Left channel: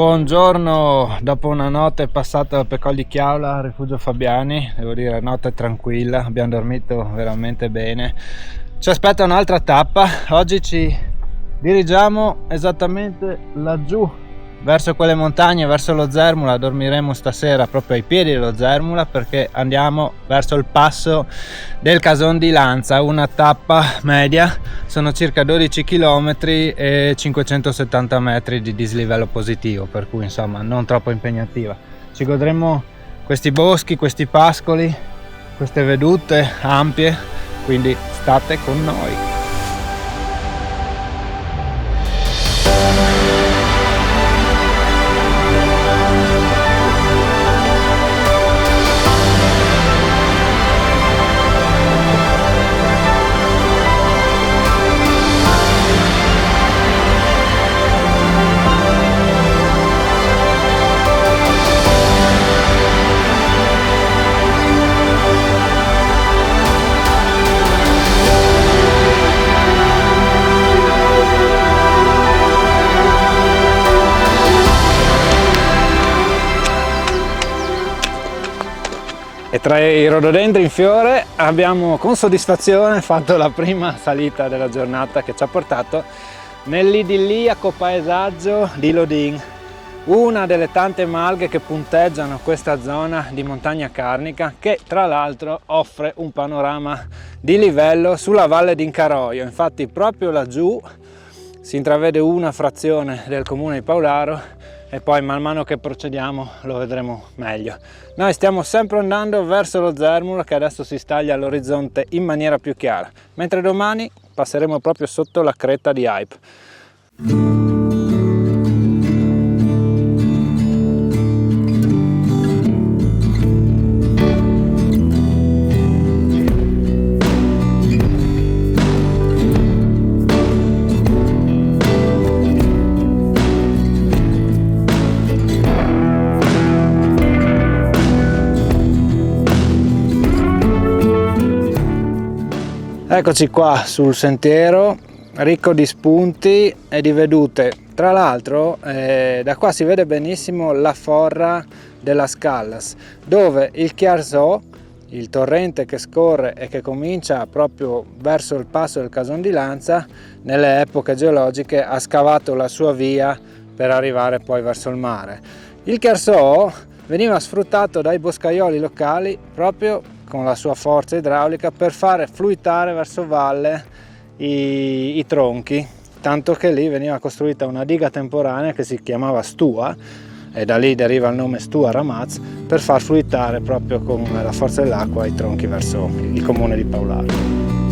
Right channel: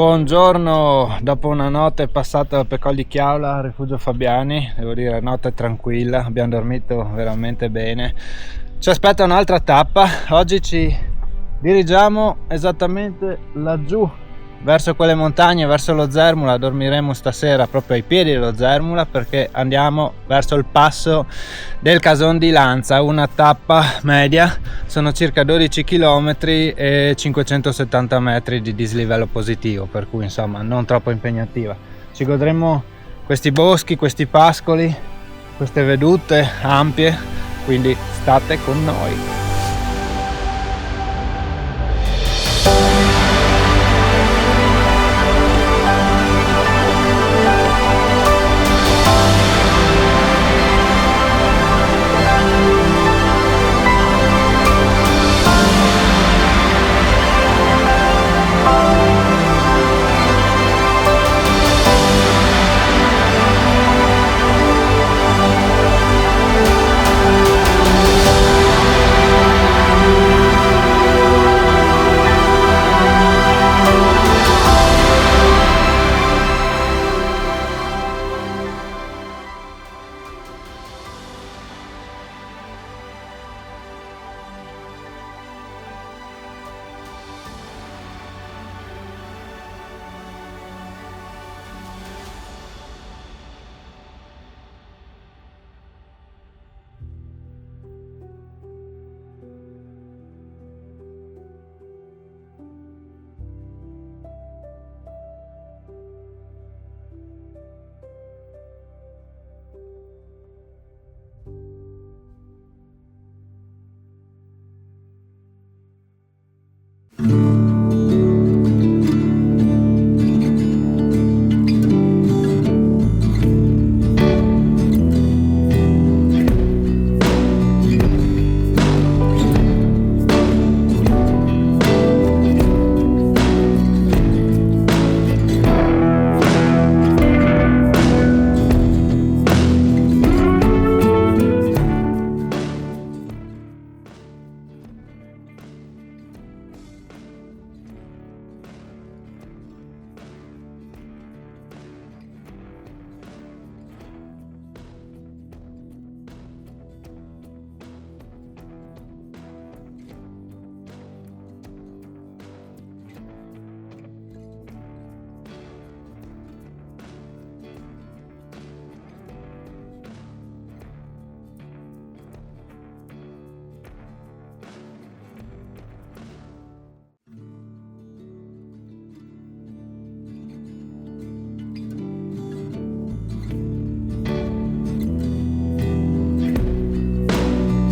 Buongiorno, dopo una notte passata per Col di Chiaula, Rifugio Fabiani, devo dire notte tranquilla, abbiamo dormito veramente bene. Ci aspetta un'altra tappa, oggi ci dirigiamo esattamente laggiù, verso quelle montagne, verso lo Zermula. Dormiremo stasera proprio ai piedi dello Zermula perché andiamo verso il passo del Cason di Lanza, una tappa media, sono circa 12 km e 570 metri di dislivello positivo, per cui insomma non troppo impegnativa. Ci godremo questi boschi, questi pascoli, queste vedute ampie, quindi state con noi. E tra i rododendri in fiore abbiamo con soddisfazione fatto la prima salita della giornata che ci ha portato nell'idilliaco paesaggio di Lodin, una delle tante malghe che punteggiano questa zona di montagna carnica che tra l'altro offre un panorama di livello sulla valle d'Incaroio. Infatti proprio laggiù si intravede una frazione del comune di Paularo e poi man mano che procediamo lo vedremo meglio. Noi stiamo sempre andando verso lo Zermula che adesso si staglia all'orizzonte in maniera più chiara, mentre domani passeremo proprio sotto la cresta di Ype. Eccoci qua sul sentiero ricco di spunti e di vedute. Tra l'altro da qua si vede benissimo la forra della Scallas, dove il Chiarzò, il torrente che scorre e che comincia proprio verso il passo del Cason di Lanza, nelle epoche geologiche ha scavato la sua via per arrivare poi verso il mare. Il Chiarzò veniva sfruttato dai boscaioli locali proprio con la sua forza idraulica per fare fluitare verso valle i tronchi, tanto che lì veniva costruita una diga temporanea che si chiamava Stua, e da lì deriva il nome Stua Ramaz, per far fluitare proprio con la forza dell'acqua i tronchi verso il comune di Paularo.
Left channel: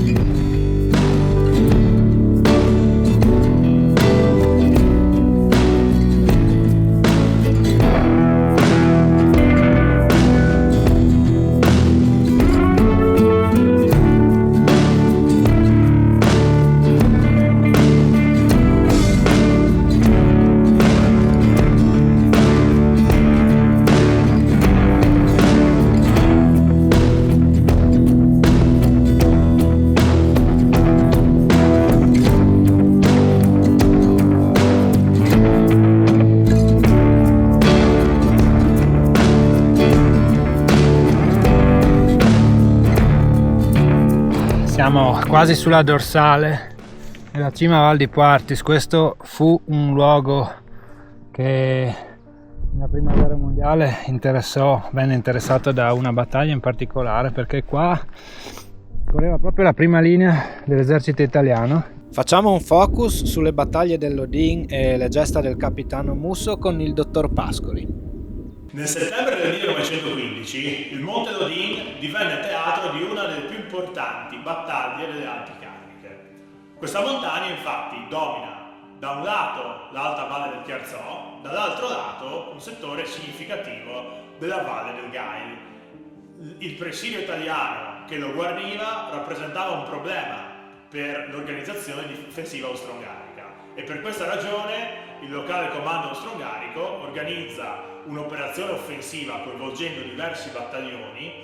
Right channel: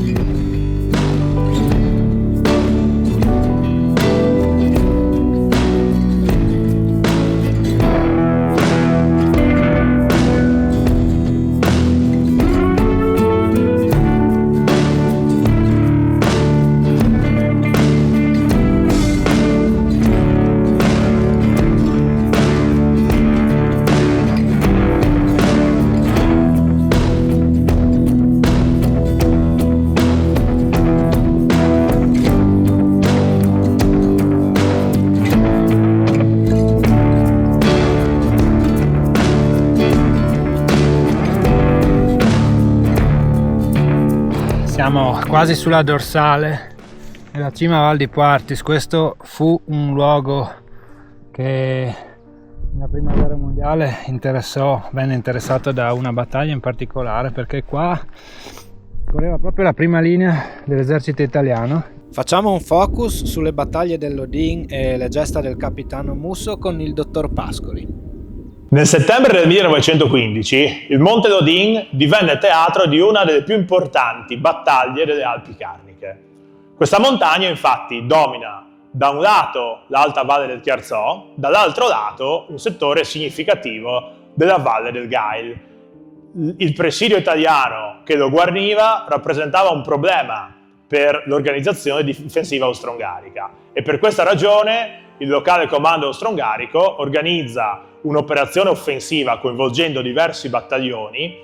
Siamo quasi sulla dorsale della cima Val di Quartis. Questo fu un luogo che nella prima guerra mondiale venne interessato da una battaglia in particolare, perché qua correva proprio la prima linea dell'esercito italiano. Facciamo un focus sulle battaglie dell'Odin e le gesta del capitano Musso con il dottor Pascoli. Nel settembre del 1915 il Monte Lodin divenne teatro di una delle più importanti battaglie delle Alpi Carniche. Questa montagna infatti domina da un lato l'alta valle del Chiarzò, dall'altro lato un settore significativo della valle del Gail. Il presidio italiano che lo guarniva rappresentava un problema per l'organizzazione difensiva austro-ungarica e per questa ragione il locale comando austro-ungarico organizza un'operazione offensiva coinvolgendo diversi battaglioni,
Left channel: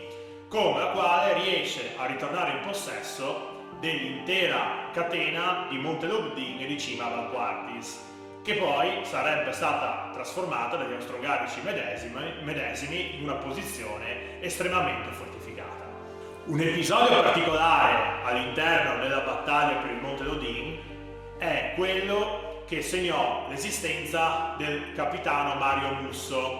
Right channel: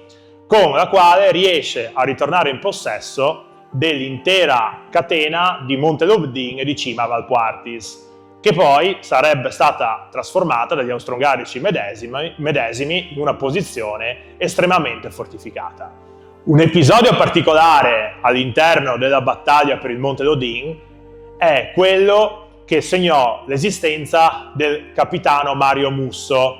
con la quale riesce a ritornare in possesso dell'intera catena di Monte Lodin e di cima Val Quartis. che poi sarebbe stata trasformata dagli austro-ungarici medesimi in una posizione estremamente fortificata. Un episodio particolare all'interno della battaglia per il Monte Dodin è quello che segnò l'esistenza del capitano Mario Musso,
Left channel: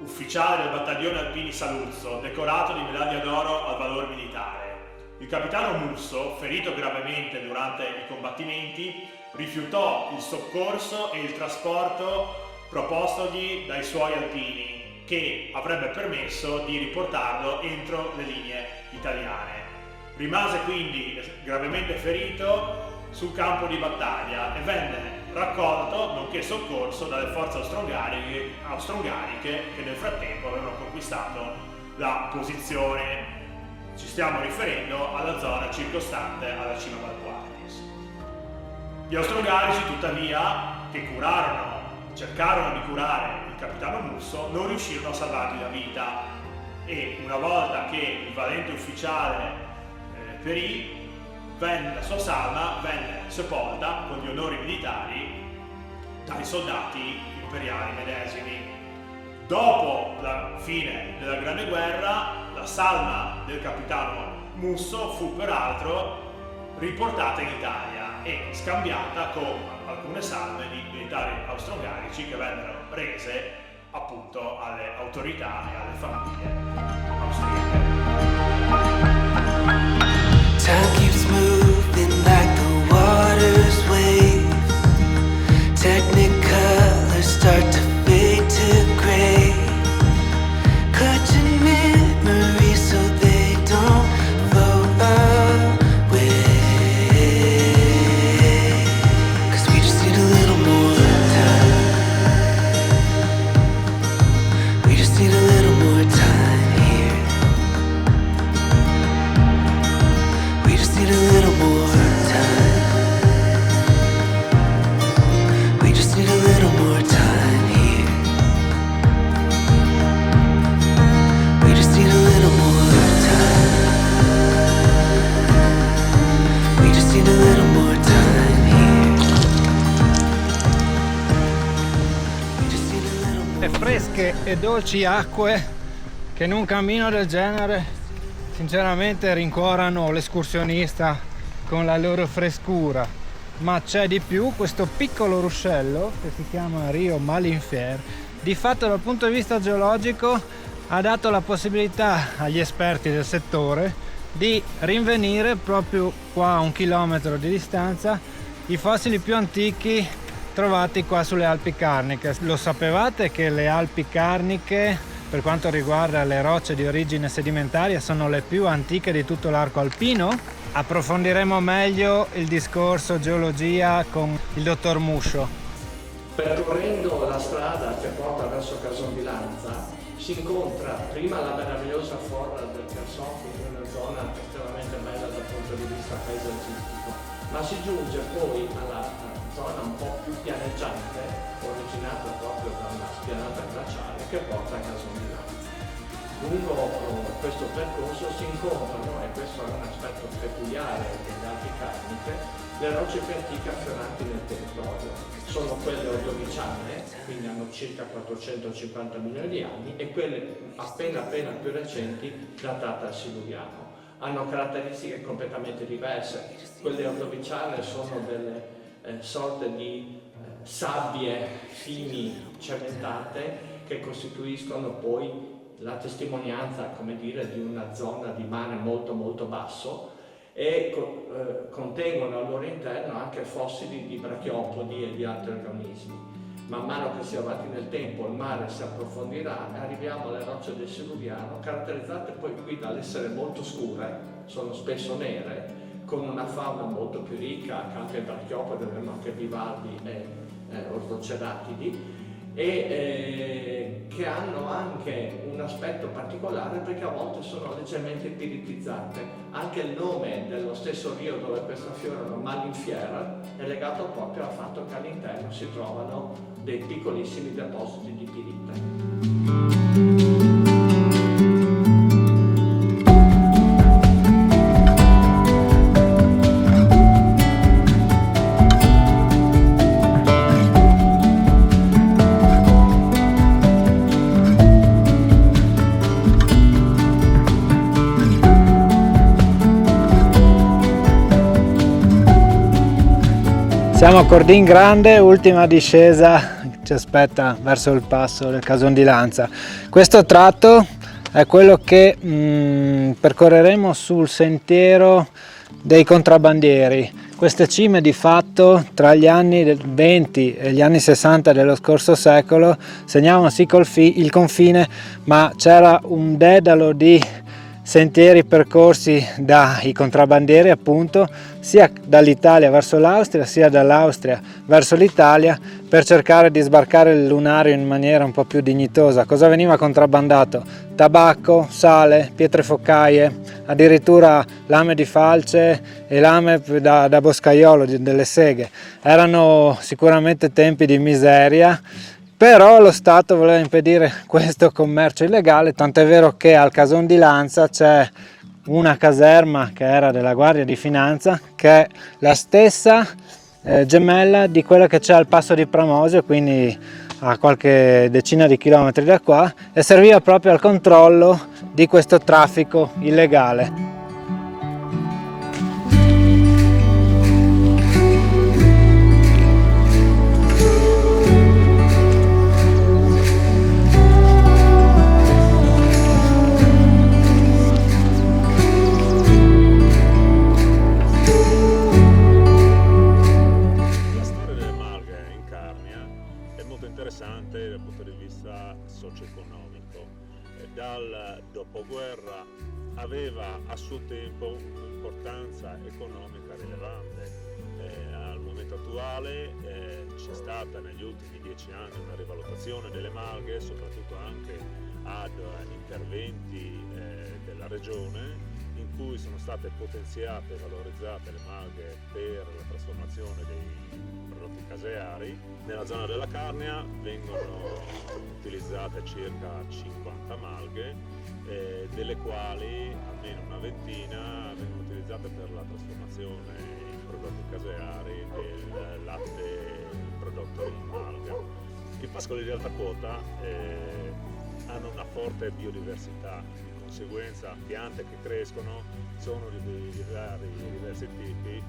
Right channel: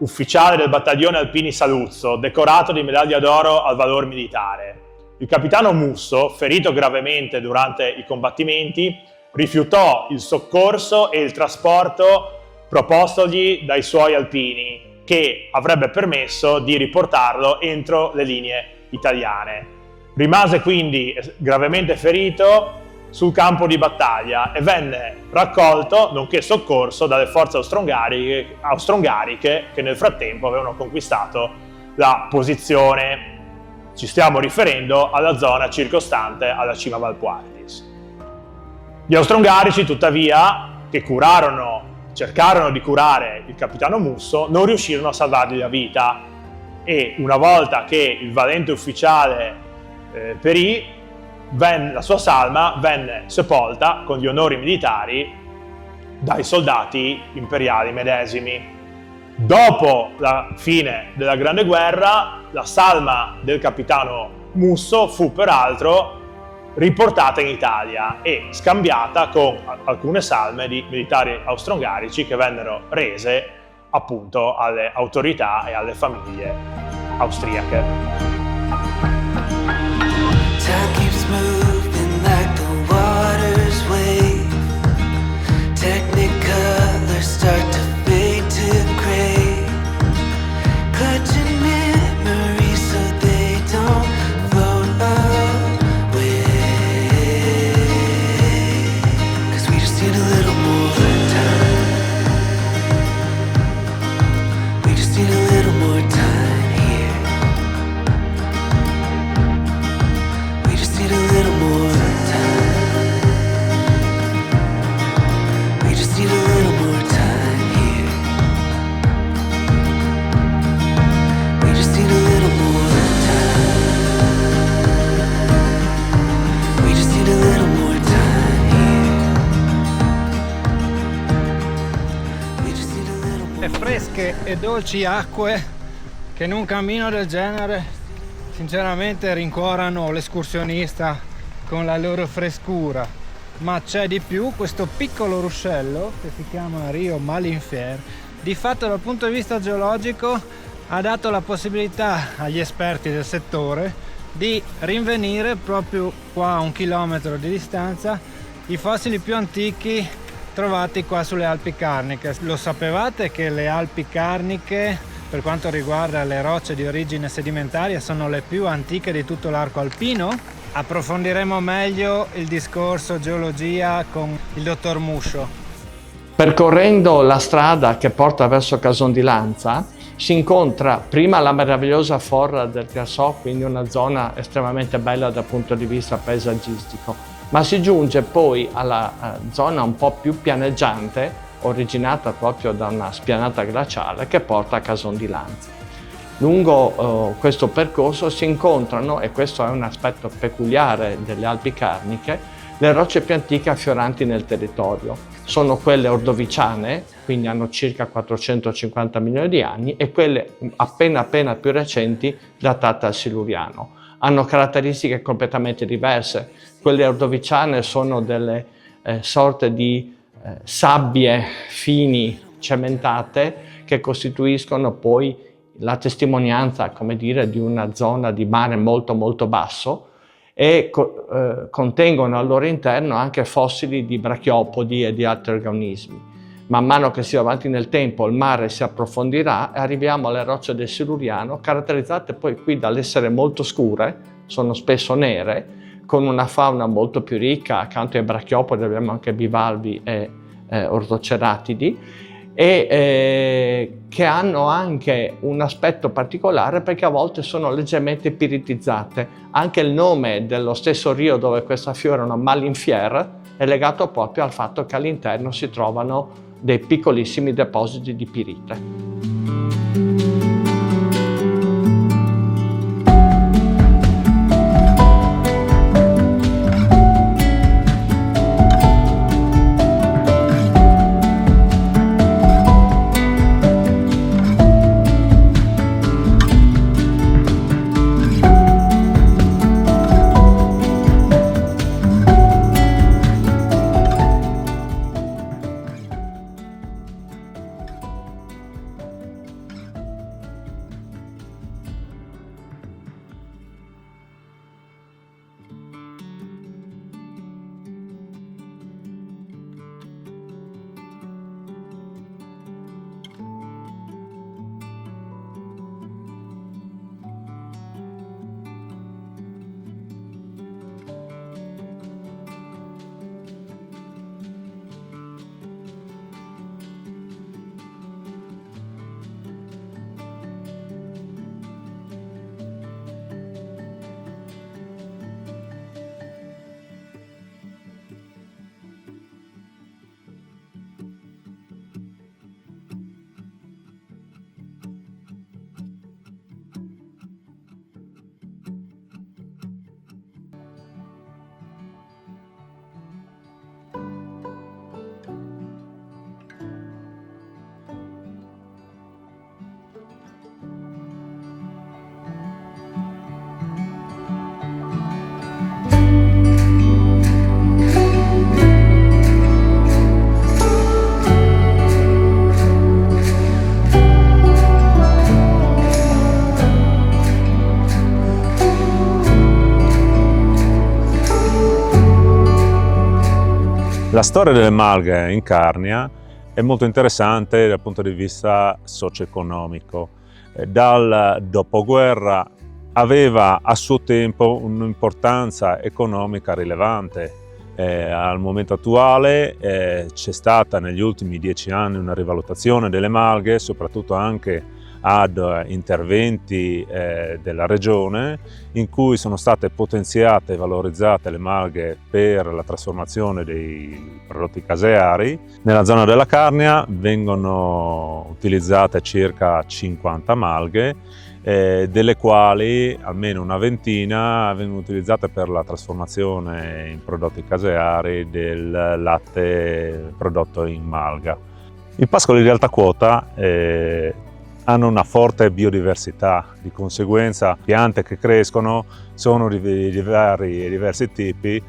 ufficiale del battaglione Alpini Saluzzo, decorato di medaglia d'oro al valor militare. Il capitano Musso, ferito gravemente durante i combattimenti, rifiutò il soccorso e il trasporto propostogli dai suoi alpini, che avrebbe permesso di riportarlo entro le linee italiane. Rimase quindi gravemente ferito sul campo di battaglia e venne raccolto, nonché soccorso, dalle forze austro-ungariche che nel frattempo avevano conquistato la posizione. Ci stiamo riferendo alla zona circostante alla cima Valquartis. Gli austro-ungarici, tuttavia, che cercarono di curare il capitano Musso, non riuscirono a salvargli la vita, e una volta che il valente ufficiale perì, la sua salma venne sepolta con gli onori militari dai soldati imperiali medesimi. Dopo la fine della Grande Guerra, la salma del capitano Musso fu peraltro riportata in Italia e scambiata con alcune salme di militari austro-ungarici che vennero rese appunto alle autorità e alle famiglie austriache. Time keeps moving like the water's wave. Technicolor start to fade to gray. Clutching memories so they don't float away. 'Cause we just need a little more time. We just need a little more time here. We just need a little more time. We just need a little more time here. We just need a little more time. We just need a little more time here. We just need a little more. Le fresche e dolci acque che in un cammino del genere sinceramente rincuorano l'escursionista con la loro frescura, ma c'è di più. Questo piccolo ruscello che si chiama Rio Malinfier, di fatto dal punto di vista geologico ha dato la possibilità agli esperti del settore di rinvenire proprio qua a 1 chilometro di distanza i fossili più antichi trovati qua sulle Alpi Carniche. Lo sapevate che le Alpi Carniche, per quanto riguarda le rocce di origine sedimentaria, sono le più antiche di tutto l'arco alpino? Approfondiremo meglio il discorso geologia con il dottor Muscio. Percorrendo la strada che porta verso Cason di Lanza si incontra prima la meravigliosa forra del Grassò, quindi una zona estremamente bella dal punto di vista paesaggistico, ma si giunge poi alla zona un po' più pianeggiante, originata proprio da una spianata glaciale che porta a Cason di Lanza. Lungo questo percorso si incontrano, e questo è un aspetto peculiare delle Alpi Carniche, le rocce più antiche affioranti nel territorio. Sono quelle ordoviciane, quindi hanno circa 450 milioni di anni, e quelle appena più recenti, datate al Siluriano. Hanno caratteristiche completamente diverse. Quelle ordoviciane sono delle sorte di sabbie fini cementate che costituiscono poi la testimonianza, come dire, di una zona di mare molto basso, e contengono al loro interno anche fossili di brachiopodi e di altri organismi. Man mano che si va avanti nel tempo il mare si approfondirà e arriviamo alle rocce del Siluriano, caratterizzate poi qui dall'essere molto scure, sono spesso nere, con una fauna molto più ricca. Accanto ai brachiopodi abbiamo anche bivalvi e ortoceratidi, e che hanno anche un aspetto particolare perché a volte sono leggermente piritizzate. Anche il nome dello stesso rio dove queste affiorano, Malinfier, è legato proprio al fatto che all'interno si trovano dei piccolissimi depositi di pirite. Rodin grande, ultima discesa ci aspetta verso il passo del Cason di Lanza. Questo tratto è quello che percorreremo sul sentiero dei contrabbandieri. Queste cime di fatto tra gli anni 20 e gli anni 60 dello scorso secolo segnavano sì il confine, ma c'era un dedalo di sentieri percorsi dai contrabbandieri, appunto, sia dall'Italia verso l'Austria sia dall'Austria verso l'Italia, per cercare di sbarcare il lunario in maniera un po' più dignitosa. Cosa veniva contrabbandato? Tabacco, sale, pietre focaie, addirittura lame di falce e lame da boscaiolo, delle seghe. Erano sicuramente tempi di miseria, però lo Stato voleva impedire questo commercio illegale, tant'è vero che al Cason di Lanza c'è una caserma che era della Guardia di Finanza, che è la stessa gemella di quella che c'è al passo di Pramosio, quindi a qualche decina di chilometri da qua, e serviva proprio al controllo di questo traffico illegale. La storia delle malghe in Carnia è molto interessante dal punto di vista socio-economico. Dal dopoguerra aveva a suo tempo un'importanza economica rilevante. Al momento attuale c'è stata negli ultimi 10 anni una rivalutazione delle malghe, soprattutto anche ad interventi della regione, in cui sono state potenziate e valorizzate le malghe per la trasformazione dei prodotti caseari. Nella zona della Carnia vengono utilizzate circa 50 malghe, delle quali almeno una ventina vengono utilizzate per la trasformazione in prodotti caseari del latte prodotto in malga. I pascoli di alta quota hanno una forte biodiversità, di conseguenza piante che crescono sono di diversi tipi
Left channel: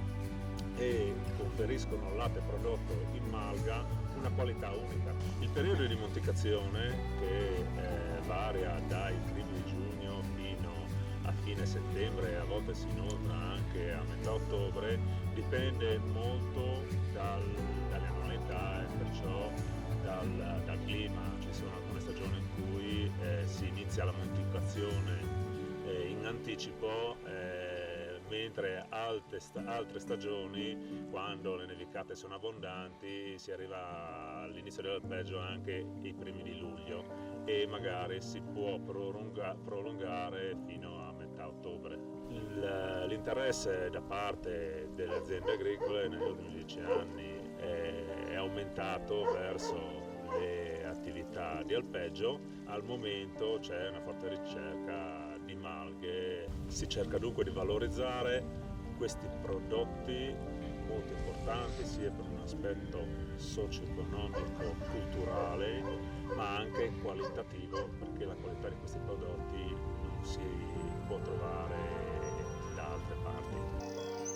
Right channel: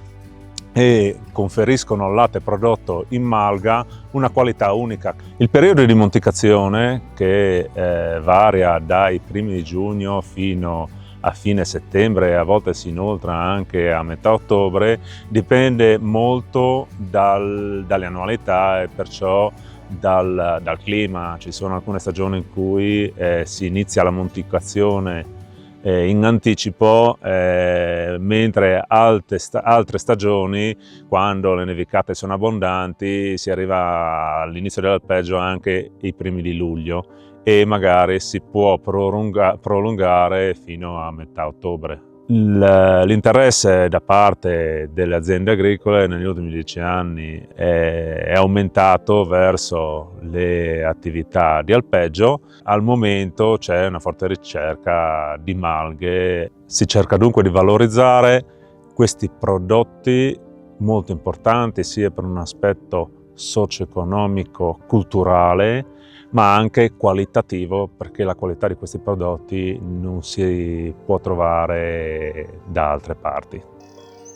e conferiscono al latte prodotto in malga una qualità unica. Il periodo di monticazione, che varia dai primi di giugno fino a fine settembre e a volte si inoltra anche a metà ottobre, dipende molto dalle annualità e perciò dal clima. Ci sono alcune stagioni in cui si inizia la monticazione in anticipo, mentre altre stagioni, quando le nevicate sono abbondanti, si arriva all'inizio dell'alpeggio anche i primi di luglio e magari si può prolungare fino a metà ottobre. L'interesse da parte delle aziende agricole negli ultimi 10 anni è aumentato verso le attività di alpeggio. Al momento c'è una forte ricerca di malghe, si cerca dunque di valorizzare questi prodotti molto importanti sia per un aspetto socio-economico, culturale, ma anche qualitativo, perché la qualità di questi prodotti non si può trovare da altre parti.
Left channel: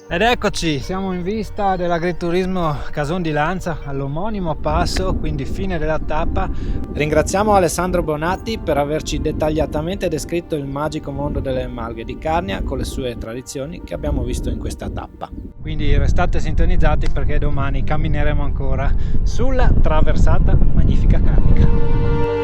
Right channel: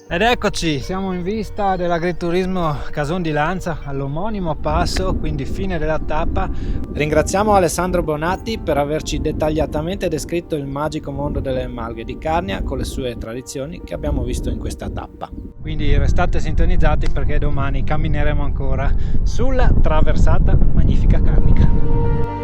Ed eccoci, siamo in vista dell'agriturismo Cason di Lanza, all'omonimo passo, quindi fine della tappa. Ringraziamo Alessandro Bonatti per averci dettagliatamente descritto il magico mondo delle malghe di Carnia con le sue tradizioni che abbiamo visto in questa tappa. Quindi restate sintonizzati perché domani cammineremo ancora sulla traversata magnifica carnica.